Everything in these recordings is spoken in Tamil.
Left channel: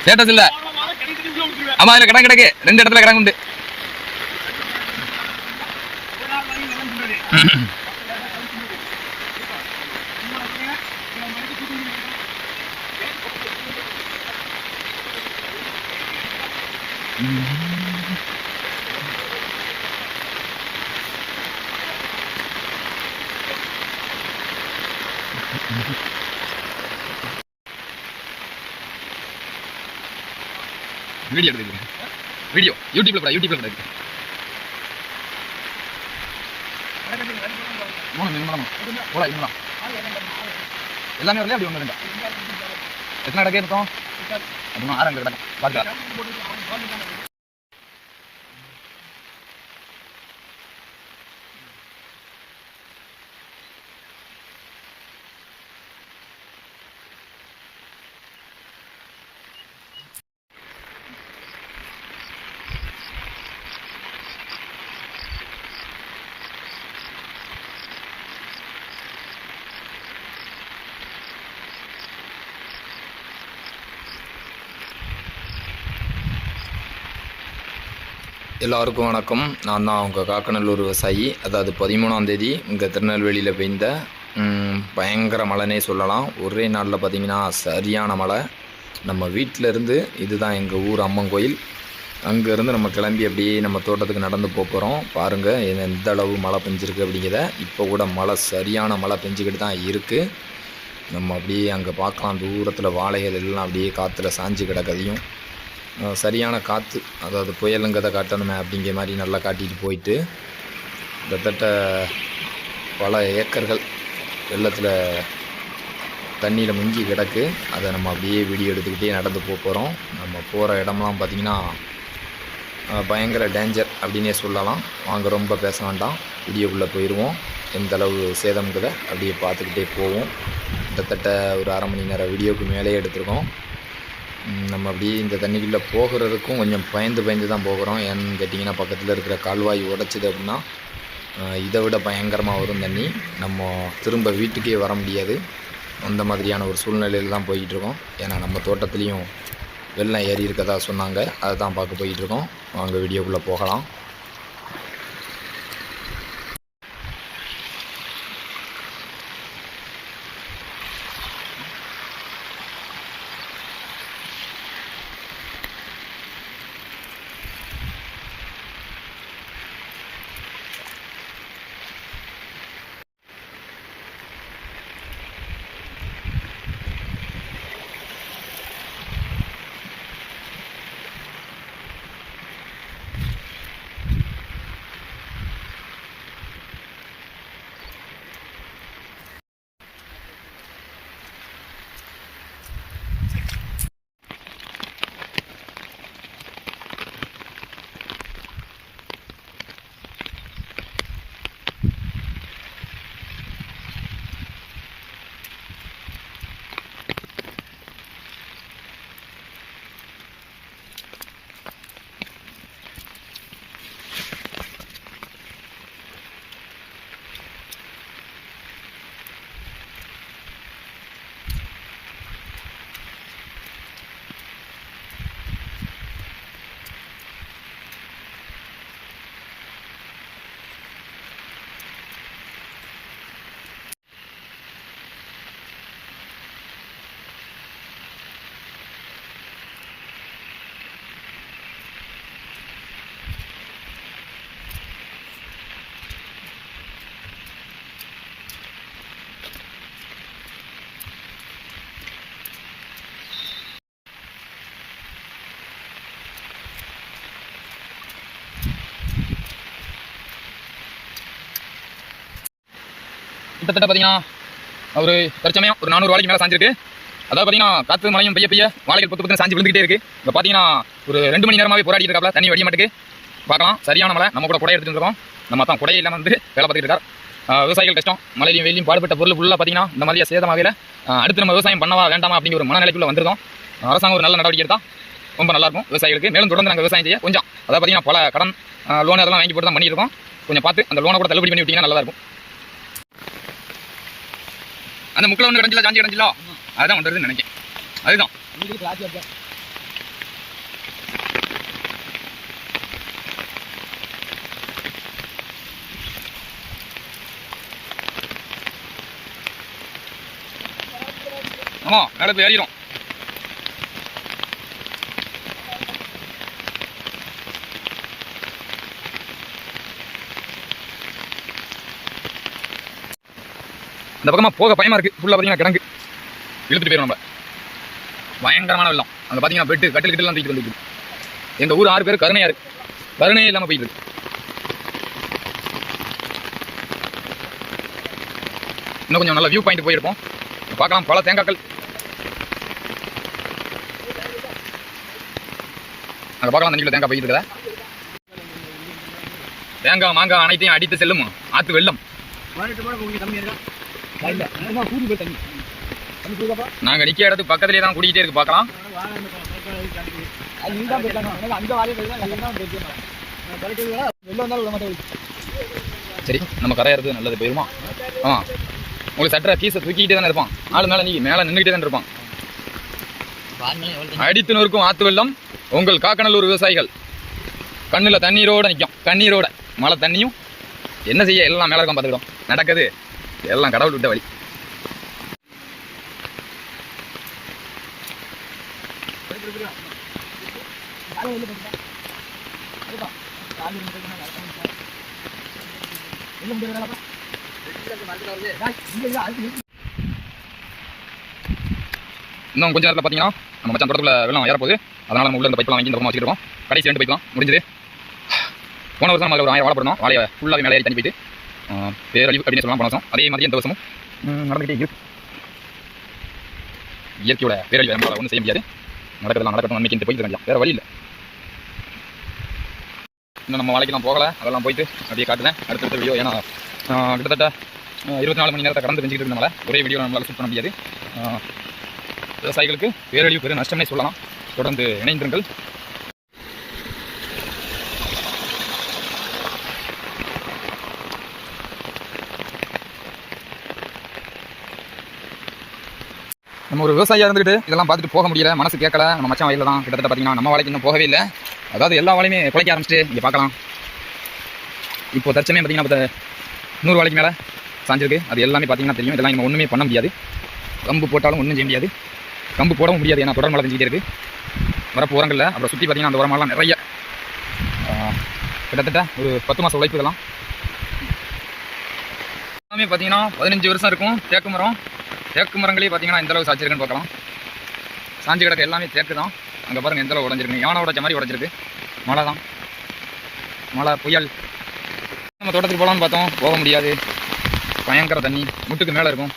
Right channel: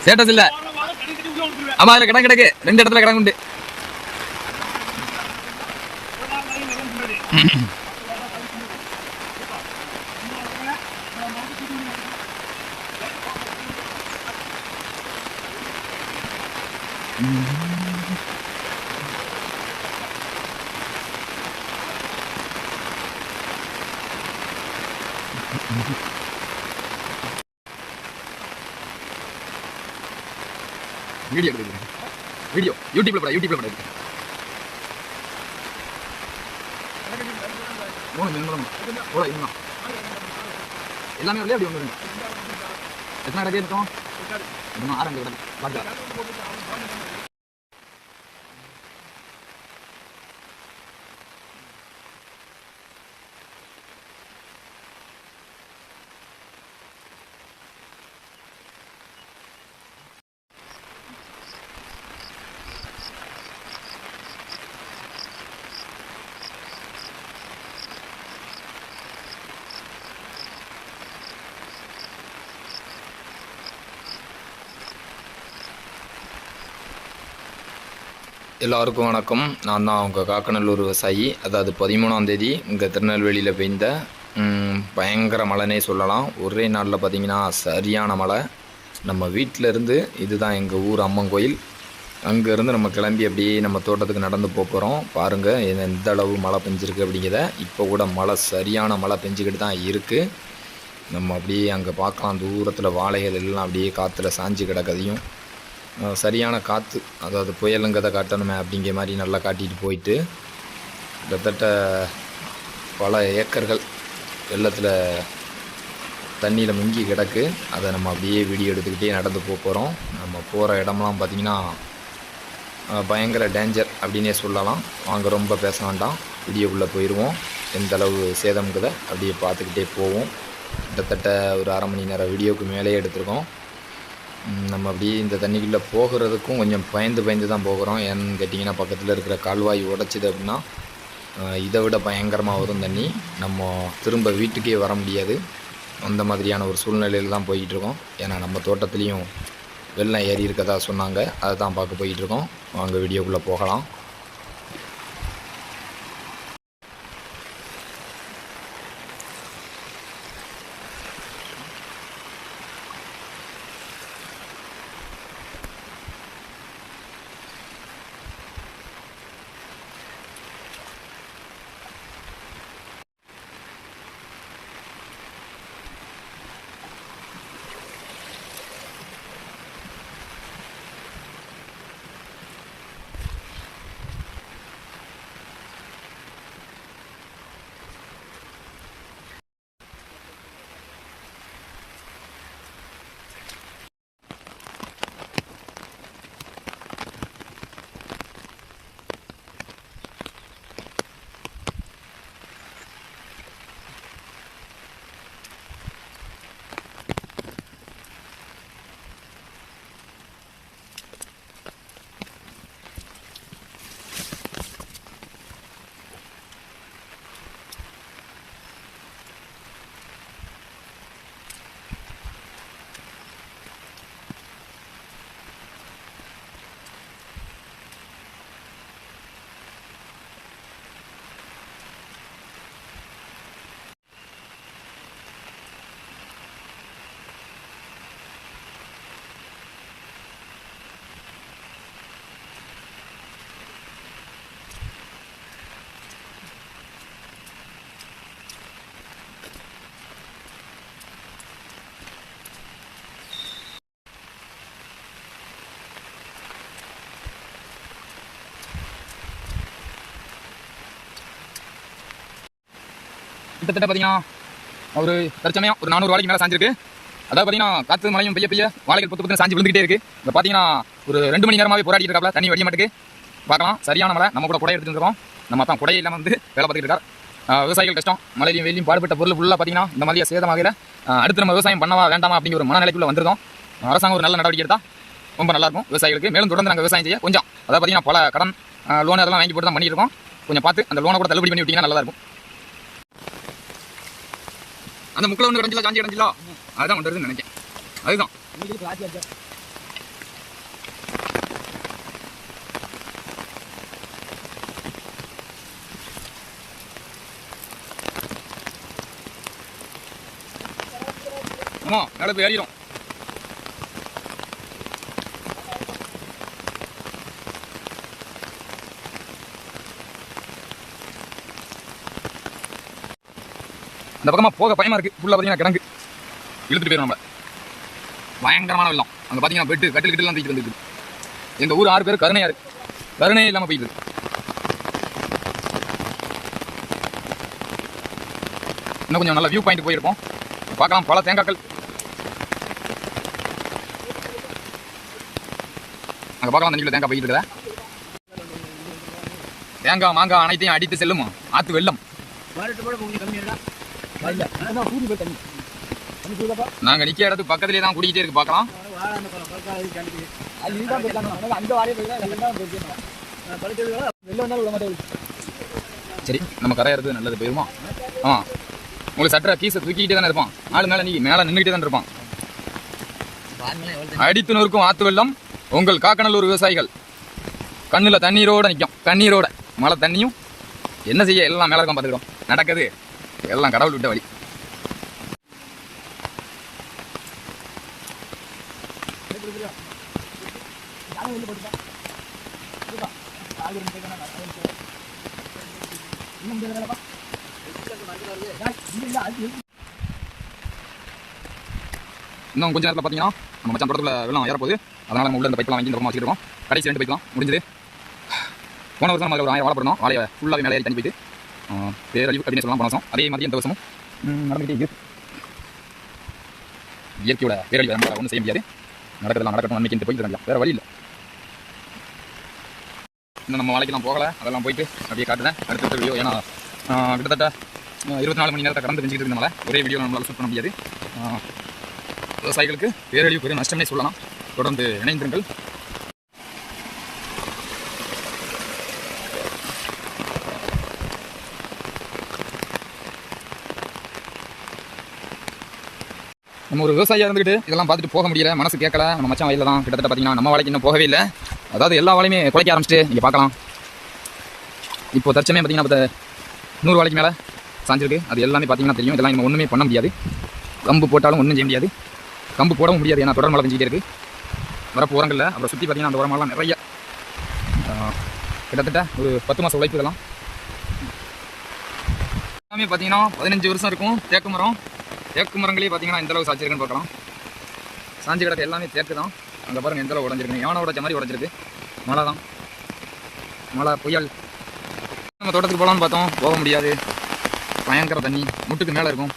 ஸ்டேட்டஸ் இல்ல. ஆமா இதுல கடன் கிடக்கு. ரெண்டு இடத்துல கிடங்கு உண்டு. வீடியோ எடுத்துக்கிறேன் வீடியோ யூடியூப்ல போட யூடியூப்ல போட இன்னும் எல்லாமே வரலையா? அப்படி ஒன்று இருந்தா எத்தனை கிடக்கு இருக்கும் அப்படின்னா ஆறு அங்கே கிடக்கு. எல்லாருக்கும் வணக்கம். நான் தான் உங்கள் காக்கநல்லூர் விவசாயி. அதாவது பதிமூணாந்தேதி இங்கே திருநெல்வேலியில் பெய்ந்த பயங்கர மழைனே சொல்லலாம். ஒரே நாளில் பார்த்தீங்கன்னா சரியான மழை. நம்ம வீட்டில் இருந்து இதுதான் எங்கள் ஊர் அம்மன் கோயில். அங்கேருந்து நம்ம கிளம்பி அப்படியே நம்ம தோட்டத்துக்கு நடந்து போக போகிறோம் பாருங்கள் எந்த அளவு மழை பெஞ்சிருக்கு அப்படிங்கிறத. இப்போ கூட மழை சரியான மழை பெஞ்சிக்கிட்டு தான் இருக்குது நம்ம அப்படியே அங்கே பார்க்கலாம் தூரத்தில் வாழைகள் எல்லாம் அப்படியே காற்றுல சாஞ்சு கிடக்கதையும். சரியான காற்று அதாவது புயலுங்கதை காட்டணுமே அப்படிங்கிற மாதிரி நல்லா காட்டிட்டு போயிட்டு கிட்டத்தட்ட பல ஏக்கர்கள் வெள்ளத்தில் தண்ணியில் முங்கி கிடக்கு. அதை நம்ம அப்படியே வீடியோ எடுத்துக்கிட்டே நடந்து போக போகிறோம் நம்ம போகிற இடம்லாம் பார்த்திங்கன்னா பயங்கர டேஞ்சர் அப்படின்னே சொல்லலாம். வாங்க ரொம்ப பேச வேண்டாம். வீடியோக்குள்ளே போயிடுவோம் எந்த அளவு சேதம்ங்கிறத அப்படியே பார்த்துக்கிட்டே போவோம். கிட்டத்தட்ட ஒரு அரை மணி நேரம் வீடியோவுக்கு மேலே எடுத்திருக்கோம். நம்ம அப்படியே இந்த தண்ணிக்குள்ளே போகிறதுக்கும் கொஞ்சம் பயந்து பயந்து தான் போகிறோம். ஏன்னு கேட்டிங்கன்னா பக்கத்தில் இருக்கிற கால்வாய் உடைச்சிது அப்படின்னா இதை விட பயங்கரமாக வரும் தண்ணி. நம்ம திரும்ப வீட்டுக்கே வர முடியாது. அந்த மாதிரியான ஒரு சூழ்நிலையில் தான் போயிட்டுருக்கோம். ஏன்னா நம்ம தோட்டத்துலேயும் வெள்ளம் ஏறி இருக்கதா சொன்னாங்க. அதை தான் பார்க்க போயிட்டுருக்கோம். அங்கே வீடியோக்குள்ளே போகலாம். கிட்டத்தட்ட பார்த்தீங்கன்னா ஒரு தற்சமயம் ஒரு நானூறு வாழைக்கு மேலே சாஞ்சிருக்கு. அதாவது பார்த்தீங்கன்னா காற்று மழையும் பெய்ய பெய்ய வாழைகள் பத்து பத்து சாஞ்சி விழுந்துகிட்டே இருக்கு. இப்போ பார்த்தீங்கன்னா ஒரு ரெண்டு மணி நேரமாகவே போராடிட்டு இருக்காப்ல தண்ணி வடிய மாட்டுக்கு. பார்க்கலாம் சரியான மழை நம்ம கூட குடை எடுத்துகிட்டு இருக்கோம். நம்ம தான் குடையை இல்லாமல் வந்து வேலை பார்த்துட்டு இருக்கார். விவசாயிகள் கஷ்டம் மழையிலையும் வெயிலையும் பாடுபட்ட பொருள் ஃபுல்லாக பார்த்தீங்கன்னா இந்த மாதிரியா சேதமாகல அடுத்து நம்ம விவசாயம் பண்ணவா வேண்டாமா அப்படிங்கிற ஒரு மனநிலைக்குள்ள வந்திருக்கோம். அரசாங்கம் ஒரு நல்ல நடவடிக்கை எடுத்தால் ரொம்ப நல்லாயிருக்கும் விவசாயிகளுக்கு. மேலும் தொடர்ந்து நாங்கள் விவசாயம் செய்ய கொஞ்சம் அதாவது பார்த்தீங்கன்னா பல கடன் லோன் அதெல்லாம் வாங்கி போட்டு தான் பண்ணியிருக்கோம் கொஞ்சம் பார்த்து அந்த லோனை கூட தள்ளுபடி பண்ணி விட்டிங்கன்னா நல்லா இருக்கும். அந்த முக்கில் ஒன்று கிடஞ்சில சாஞ்சி கிடஞ்சிலோ அதுதான் வருதுன்னு நினைக்கிறேன் அதுதான். ஆமா மேலே போய் ஏறிடும் அந்த பக்கமா போக பயமா இருக்கு. ஃபுல்லாக பார்த்தீங்கன்னா கிடங்கு. இழுத்துட்டு போயிடும் நம்ம பயங்கரமான வெள்ளம். அங்கே பார்த்தீங்கன்னா பெட்டு கட்டில் கிட்டலாம் தூக்கிட்டு வந்துருக்கு எங்கள் ஊர் ஆறு பேர் கருணையாக இருக்குது கருணையே இல்லாம போயிட்டு இருக்கு. இன்னும் கொஞ்சம் நல்ல வியூ பாயிண்ட் போயிருப்போம். பார்க்கலாம் பல தேங்காய்கள். அங்கே பார்க்கலாம் அந்த தேங்காய் போயிட்டு இருக்குதா. தேங்காய் மாங்காய் அனைத்தையும் அடித்து செல்லும் ஆத்து வெள்ளம். நாங்கள் நிற்க இடத்துக்கு பக்கத்துலேயே தான் குடிக்கிட்டே இருக்கு பார்க்கலாம். சரி நம்ம கரையா இருக்குது நல்லது போயிருமா? ஆ. உங்களுக்கு சட்டரை கீஸை தூக்கிக்கிட்டே தானே இருப்பான். ஆள் மேலே நீ மேலே நின்றுக்கிட்டே தானே இருப்பான். அடித்து நொறுக்கும் ஆத்து வெள்ளம் உங்கள் காக்கநல்லூர் விவசாயிகள். கண்ணில் தண்ணீரோடு நிற்கும் தண்ணீரோட. மழை தண்ணியும் என்ன செய்ய எல்லாம் மேலே இருக்கும் பார்த்துக்கிட்டோம். நடக்குது. எல்லாம் கடவுள் விட்ட வழி. இன்னும் கொஞ்ச நேரத்தில் பார்த்தீங்கன்னா நம்ம மச்சான் தொடர்பில் வெள்ளம் ஏறப்போகுது. அதனால நம்ம உள்ள இந்த பைப்லாம் வாங்கி இந்த பக்கமாக வச்சுருக்கோம் கடைசி ரெண்டு பைப்லாம் முடிஞ்சது. போன வருஷம் நம்ம ஒரு ஆயிரம் வாழை போடணும். வாழையை ஃபுல்லாக மேலே ஏறி தண்ணி போயிட்டு. பேரழிவு அப்படின்னு சொல்லலாம் போன அதே மாதிரி எந்த வருஷமும் நடந்துகிட்டே இருக்கு. இயற்கையோட பேரழிவு நம்மளால் ஒன்றும் செய்ய முடியாது. நடக்கிறதெல்லாம் நடக்கட்டும் அன்னைக்கிட்டு போயிட்டு இருக்கலாம் வேறு வழி இல்லை. இன்னும் நம்ம வாழைக்கெல்லாம் போகலை. அதெல்லாம் போயிட்டு அப்படியே காட்டுறேன். அடுத்தடுத்த வீடியோ ஏன்னா கிட்டத்தட்ட இருபத்தி நாலு மணி நேரத்தை கடந்து செஞ்சுட்டு இருக்கனால ஒரே வீடியோ நம்மளால் ஷூட் பண்ண முடியாது. விவசாயிகளுக்கு பேரழிவு பெரும் நஷ்டமே சொல்லலாம். தொடர்ந்து இணைந்திருங்கள். நம்ம ஒரு விவசாயியாக இருந்துக்கிட்டு இதெல்லாம் பார்த்துட்டு போக முடியல மனசு கேட்கல. நம்ம மச்சான் வயலில் தான் கிட்டத்தட்ட பார்த்தீங்கன்னா நம்ம வாழ்க்கை இன்னும் போகவே இல்லை. அதாவது எல்லா வாழையுமே குலைக்க ஆரம்பிச்சிட்டு இங்கே பார்க்கலாம். இப்போ தற்சமயம் பார்த்தீங்கன்னா இப்போ நூறு வாழைக்கு மேலே சாஞ்சிருக்கு. அது எல்லாமே பார்த்தீங்கன்னா தெரியும். இதெல்லாம் நம்ம ஒன்றுமே பண்ண முடியாது. கம்பு போட்டாலும் ஒன்றும் செய்ய முடியாது. கம்பு போடவும் முடியாது. ஏன்னா தொடர் மழை பெஞ்சிக்கிட்டே இருக்குது வரப்பு உரங்களில் அப்புறம் சுற்றி பார்த்தீங்கன்னா அந்த உரமெல்லாம் நிறைய. கிட்டத்தட்ட ஒரு பத்து மாதம் உழைப்பு இதெல்லாம். எல்லாமே பார்த்தீங்கன்னா பதினஞ்சு வருஷம் இருக்கும். தேக்கு மரம் தேக்கு மரங்களே பார்த்தீங்கன்னா எந்தளவு அளவுக்கு சாய்ச்சிருக்குன்னு பார்க்கலாம். சாஞ்சி கிடக்க எல்லாமே தேக்கு தான். அங்கே பாருங்க எந்த அளவு உடஞ்சிருக்கு. யானை உடச்ச மாதிரி உடஞ்சிருக்கு. மழை தான். மழை புயல். நம்ம தோட்டத்துக்கு போகலான்னு பார்த்தோம். போக முடியாது. பயங்கர தண்ணி. முட்டுக்கு மேலே இருக்கும்.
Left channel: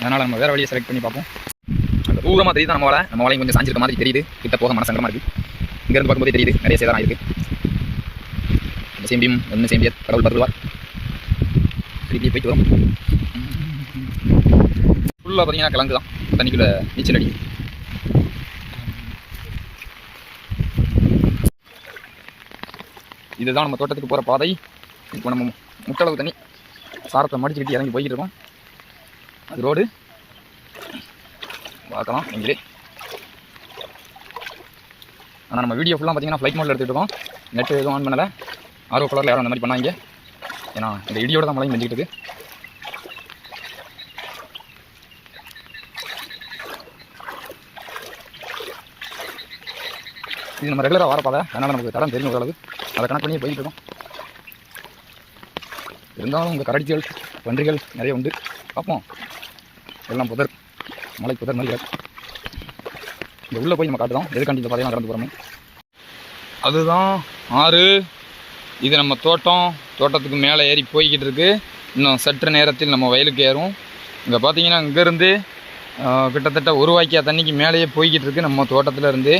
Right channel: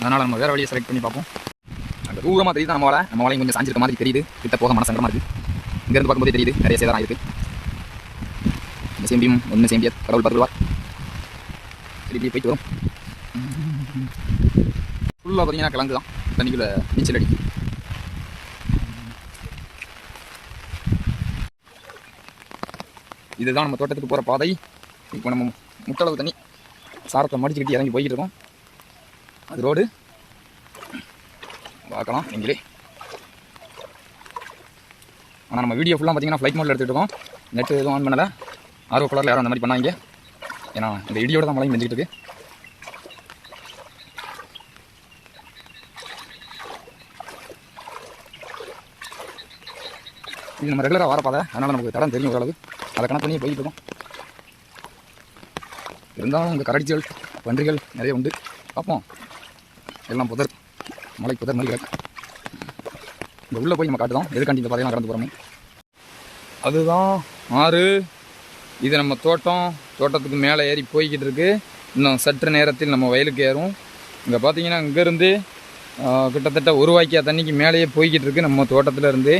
அதனால் நம்ம வேறு வழியை செலக்ட் பண்ணி பார்ப்போம். அந்த தூரமாக தெரியுது நம்ம வாழை நம்ம வலையும் கொஞ்சம் சாஞ்சிருக்க மாதிரி தெரியுது. கிட்ட போக மனசங்கரமாக இருக்குது இங்கேருந்து பார்க்கும்போது தெரியுது. நிறைய சேதாரம் இருக்குது இந்த சேம்பியும் ஒன்று சேம்பிய கடவுள் பருவார் திருப்பி போயிட்டு வரும். ஃபுல்லாக பார்த்தீங்கன்னா கிழங்கு தான். தண்ணிக்குள்ளே நீச்சல் அடி இதுதான் நம்ம தோட்டத்துக்கு போகிற பாதை. இப்போ நம்ம முட்டளவு தண்ணி சாரத்தை மடிச்சுக்கிட்டு இறங்கி போய்கிட்டு இருக்கோம். அது ரோடு. பார்க்கலாம் நீங்களே ஆனால் நம்ம வீடியோ ஃபுல்லாக பார்த்தீங்கன்னா ஃப்ளைட் மோடில் எடுத்துகிட்டு இருக்கோம். நெட் எதுவும் ஆன் பண்ணலை. ஆர்வ கலரில் யாரும் அந்த மாதிரி பண்ணாங்க ஏன்னா இந்த இடியோட தான் மழையும் பெஞ்சிக்கிட்டு இருக்கு. இது நம்ம ரெகுலராக வர பாதை அதனால் நமக்கு தடம் தெரியும் ஓரளவு அதை கணக்கு பண்ணி போயிட்டு இருக்கோம். இருந்தாலும் உங்கள் கரடிச்சிகள் பன்றிகள் நிறைய உண்டு. பார்ப்போம். எல்லாம் புதர் மலை புதர் மாதிரி கிடக்கு இங்கே உள்ளே போய் நம்ம காட்டுதான். எதுக்காண்டி இந்த பாதையெல்லாம் கடந்து போகிறோமே அதுதான் ஆறு. இது நம்ம தோட்டம். தோட்டத்துக்கு மேலே ஏறி போய்கிட்டு இருக்குது இன்னும் சற்று நேரத்தில் நம்ம வயலுக்கு ஏறும். இங்கே பார்த்தீங்கன்னா இங்கேருந்து கிட்டத்தட்ட ஒரு வாய்க்கா தண்ணிக்கு மேலேயே போய்கிட்டு இருக்குது நம்ம தோட்டத்தில் இருந்து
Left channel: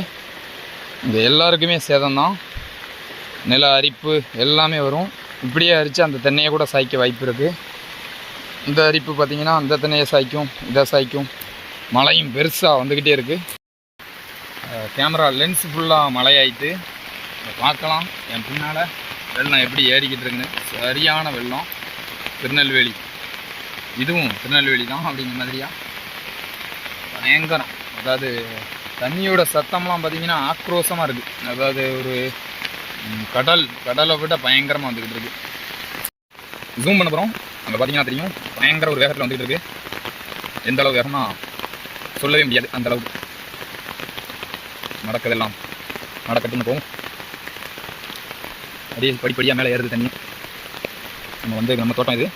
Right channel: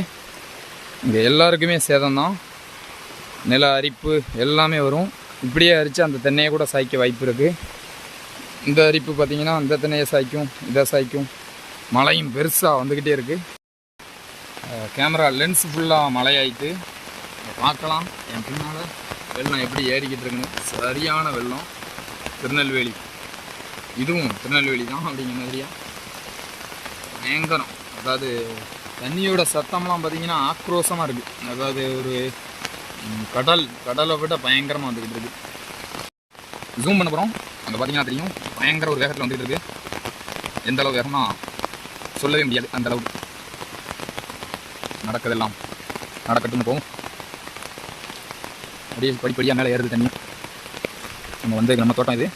இந்த எல்லாருக்குமே சேதம் தான் நில அரிப்பு எல்லாமே வரும். இப்படியே அரித்து அந்த தென்னையை கூட சாய்க்க வாய்ப்பு இருக்குது இந்த அரிப்பு பார்த்தீங்கன்னா அந்த தென்னையை சாய்க்கும் இதை சாய்க்கும். மழையும் பெருசாக வந்துக்கிட்டே இருக்குது கேமரா லென்ஸ் ஃபுல்லாக மழையாயிட்டு பார்க்கலாம். என் பின்னால் வெள்ளம் எப்படி ஏறிக்கிட்டு இருக்குன்னு. சரியான வெள்ளம். திருநெல்வேலி. இதுவும் திருநெல்வேலி தான் அப்படிங்கிற மாதிரியா? பயங்கரம். அதாவது தண்ணியோட சத்தம்லாம் பார்த்தீங்கன்னா ஆக்ரோஷமாக இருக்குது அதாவது ஒரு கடல் கடலை விட பயங்கரமாக வந்துக்கிட்டு இருக்கு. ஜூம் பண்ண போகிறோம் அங்கே பார்த்தீங்கன்னா தெரியும். பயங்கர ஒரு வேகத்தில் வந்துக்கிட்டு இருக்கு. எந்த அளவு வேகம்னா சொல்லவே முடியாது அந்த அளவுக்கு. நடக்கிறதெல்லாம் நடக்கட்டும் போகும். அப்படியே படிப்படியாக மேலே ஏறுது தண்ணி. நம்ம வந்து நம்ம தோட்டம் இது.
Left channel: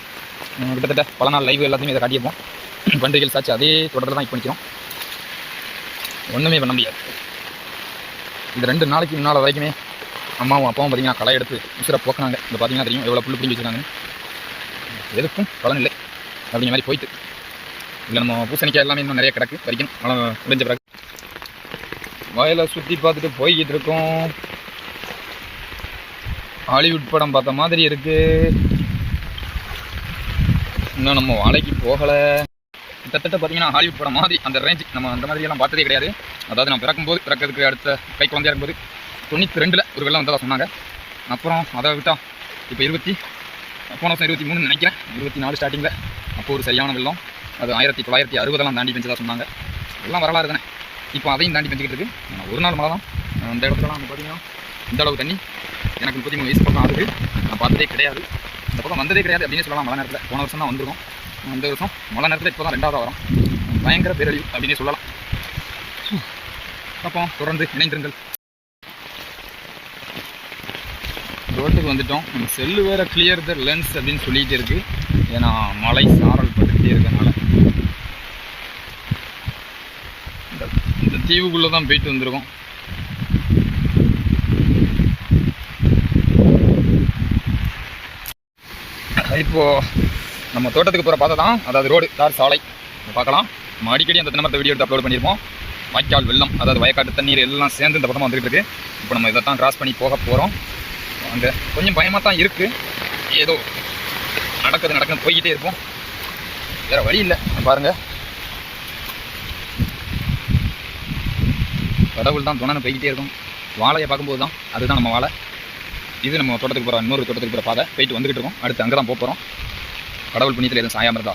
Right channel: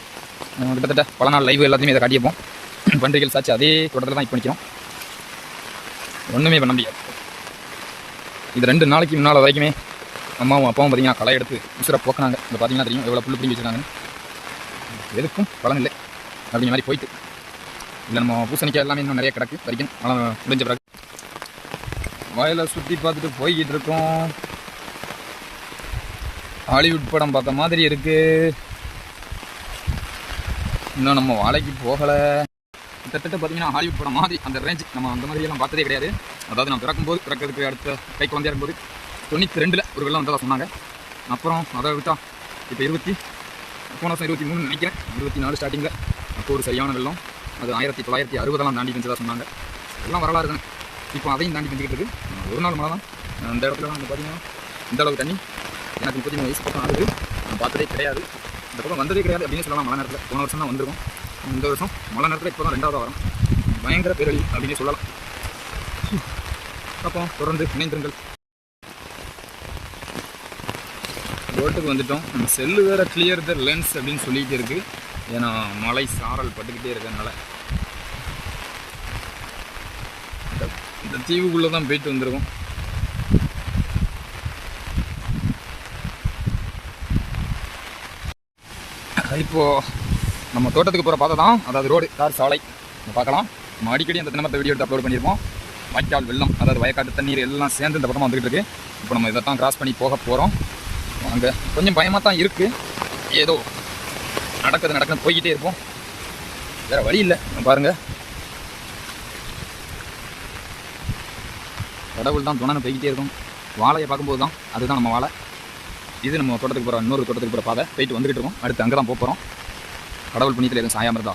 கிட்டத்தட்ட பல நாள் லைவ் எல்லாத்தையுமே இதை காட்டியிருப்போம். பண்டிகைகள் சாச்சு அதே தொடரில் தான் இப்போ நிற்கிறோம் ஒன்றுமே பண்ண முடியாது. இது ரெண்டு நாளைக்கு முன்னால் வரைக்குமே அம்மாவும் அப்பாவும் பார்த்திங்கன்னா களை எடுத்து உசுரை போக்குனாங்க. இந்த பார்த்தீங்கன்னா தெரியும் எவ்வளோ புல் பிடிங்கி வச்சுருக்காங்கன்னு. எதுக்கும் பலன் இல்லை. அப்படிங்கிற மாதிரி போயிட்டு. இல்லை நம்ம பூசணிக்காய் எல்லாமே இன்னும் நிறைய கிடக்கு. வரைக்கும் மழை முடிஞ்ச பிறகு. வயலை சுற்றி பார்த்துட்டு போய்கிட்டு இருக்கோம். ஹாலிவுட் படம் பார்த்த மாதிரி இருக்குது இன்னும் நம்ம வாழைக்கு போகலை. கிட்டத்தட்ட பார்த்தீங்கன்னா ஹாலிவுட் படம் மாதிரி அந்த ரேஞ்ச் நம்ம அந்த மாதிரி எல்லாம் பார்த்ததே கிடையாது. அதாவது நான் பிறக்கும்போது பிறக்கிறதுக்கு அடுத்த கை குழந்தையாக இருக்கும்போது தொண்ணூற்றி ரெண்டில் ஒரு வெள்ளம் வந்ததாக சொன்னாங்க. அப்புறம் அதை விட்டால் இப்போ இருபத்தி போன வருஷம் இருபத்தி மூணு நினைக்கிறேன். இருபத்தி நாலு ஸ்டார்டிங்கில் அப்போ ஒரு சரியான வெள்ளம். அது ஆயிரத்தி தொள்ளாயிரத்தி அறுபதெல்லாம் தாண்டி பெஞ்சதாக சொன்னாங்க. எல்லாம் வரலாறு தானே. இப்போ அதையும் தாண்டி பெஞ்சிக்கிட்டு இருக்குது ஒரு நாள் மழை தான் அந்த இடத்துலலாம் வந்து பார்த்தீங்கன்னா இந்த அளவு தண்ணி எனக்கு முப்பத்தி மூணு வயசு பக்கம் ஆகுது. நான் பார்த்ததே கிடையாது. இந்த பக்கம் வந்ததே கிடையாது அப்படின்னு சொல்லலாம். மழை நேரத்தில் போன வருஷம் தான் வந்திருக்கும். இந்த வருஷம் மழை நேரத்தில் இப்போ தான் ரெண்டாவது வரும். பயங்கர பேரழி அப்படின்னு சொல்லலாம். அப்போ தொடர்ந்து இணைந்திருங்கள். ரோட்டுக்கு வந்துட்டோம். நம்ம செல்லு வேறு கிளியர் த லென்ஸ் அப்படின்னு சொல்லிகிட்டே இருக்குது ஏன்னா மழை சாரல் பட்டுக்கிட்டே இருக்கனால இந்த- இந்த தீவுக்குள்ளே தான் போயிட்டு வந்திருக்கோம். இப்போது நம்ம தோட்டத்துக்கு போகிற பாதை தான் அதாவது ரோடு தார் சாலை. பார்க்கலாம். நம்ம அடிக்கடி அந்த தினமரத்தை வீடியோ எடுத்து அப்லோட் பண்ணியிருப்போம். வாய்க்கால் வெள்ளம் அதாவது வயக்காட்டு தண்ணீர் எல்லாம் சேர்ந்து இந்த பக்கமாக வந்துகிட்டு இருக்குது இப்போ நம்ம இதை தான் கிராஸ் பண்ணி போக போகிறோம் அங்கே கொஞ்சம் பயமாக தான் இருக்குது ஏதோ நடக்குது நடக்குது போய்கிட்டே இருப்போம். வேறு வழி இல்லை. பாருங்கள் கடவுள் தான் துணைன்னு போய்கிட்டே இருக்கும். வாழையை பார்க்கும்போது தான் அதுதான் நம்ம வாழை. இது நம்ம தோட்டத்துக்கு போகிற இன்னொரு தோட்டத்துக்கு போகிற பாதை. போயிட்டு வந்துகிட்டு இருக்கோம். அடுத்து அங்கே தான் போகிறோம் கடவுள் புண்ணியத்தில் எதுவும் சாயாமல் இருந்தா